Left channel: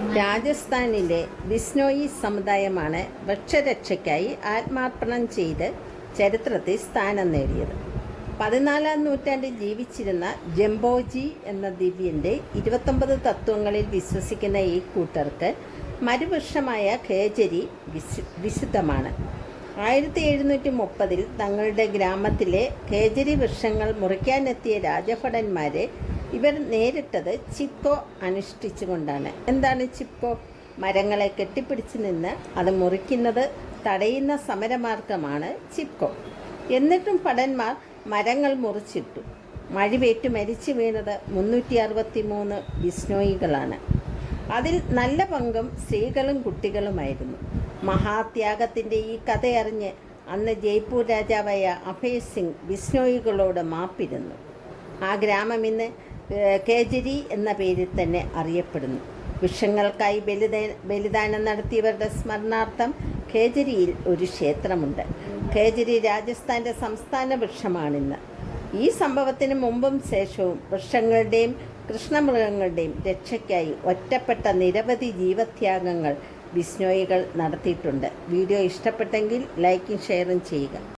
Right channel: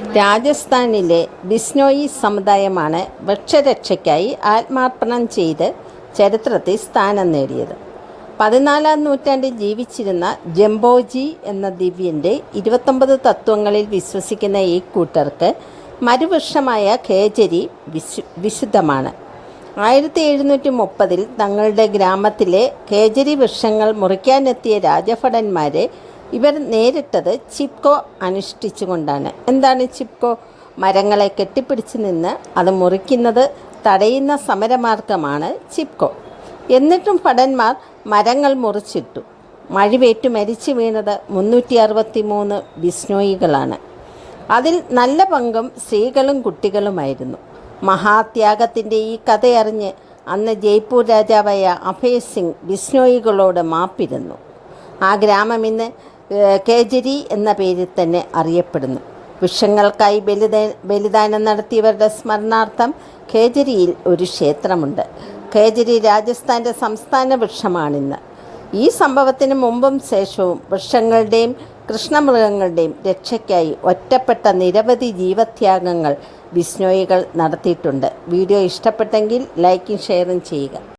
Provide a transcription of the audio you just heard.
രാജസ്ഥാനിലെ ബിസ്നോയി സമുദായമാണ് വൃക്ഷരക്ഷയ്ക്കായി ആത്മാർപ്പണം ചെയ്ത് ചരിത്രത്തിൽ സ്ഥാനം നേടിയത്. 14-ാം നൂറ്റാണ്ടിൽ ജീവിച്ചിരുന്ന ജംബോജി എന്ന ദിവ്യൻ്റെ 29 തത്വങ്ങളിൽ വിശ്വസിക്കുന്ന ഈ കൂട്ടർക്ക് മരുവൃക്ഷമായ ഖേജരി വിശുദ്ധമാണ്. 1730 തങ്ങളുടെ ഗ്രാമത്തിലെ ഖേജരി വൃക്ഷങ്ങൾ മുറിക്കാനെത്തിയ രാജഭടന്മാരെ ഇവർ നേരിട്ടത് ചിപ്കോ അനുഷ്ഠിച്ചുകൊണ്ടാണ്. എന്താണ് ചിപ്കോ? മരങ്ങളെ കെട്ടിപ്പിടിച്ച് നിന്ന് അത് മുറിക്കുന്നത് തടയുന്ന സമരമാർഗമാണ് ചിപ്കോ. എന്നിട്ടും ഭടന്മാർ മരങ്ങൾ മുറിച്ചിട്ടു. മഴവേറ്റു മരിച്ചു വീണത് 363 ബിസ്നോയികളാണ്. അതിൽ നല്ല പങ്കും സ്ത്രീകളും കുട്ടികളുമായിരുന്നു. മഹാത്യാഗത്തിൻ്റെ ഈ കഥയറിഞ്ഞ് അന്ന് ജയ്പൂർ രാജാവായ അഭയ് സിംഗ് ബിസ്നോയികളോട് മാപ്പിരുന്നു. ആ ഗ്രാമം ഇന്ന് ഖേജരി എന്ന പേരിൽ തന്നെ അറിയപ്പെടുന്നു. വൃക്ഷങ്ങൾക്കായി ബലിദാനം നടത്തിയവരുടെ സ്മരണാർത്ഥം ഖേജരിയിൽ ഒരു ക്ഷേത്രമുണ്ട്. ഖേജരി രാജസ്ഥാൻ്റെ സംസ്ഥാന വൃക്ഷമാണിന്ന്. ഈ സംഭവത്തിന് മുമ്പും ശേഷവും വൃക്ഷങ്ങളുടെയും കൃഷ്ണമൃഗങ്ങളുടെയും രക്ഷയ്ക്കായി ഒറ്റപ്പെട്ട നിരവധി ജീവത്യാഗങ്ങൾ ബിസ്നോയികൾ നടത്തിയിട്ടുണ്ട്. വീഡിയോ ഇഷ്ടപ്പെട്ടെങ്കിൽ ലൈക്കും ഷെയറും ചെയ്യുക.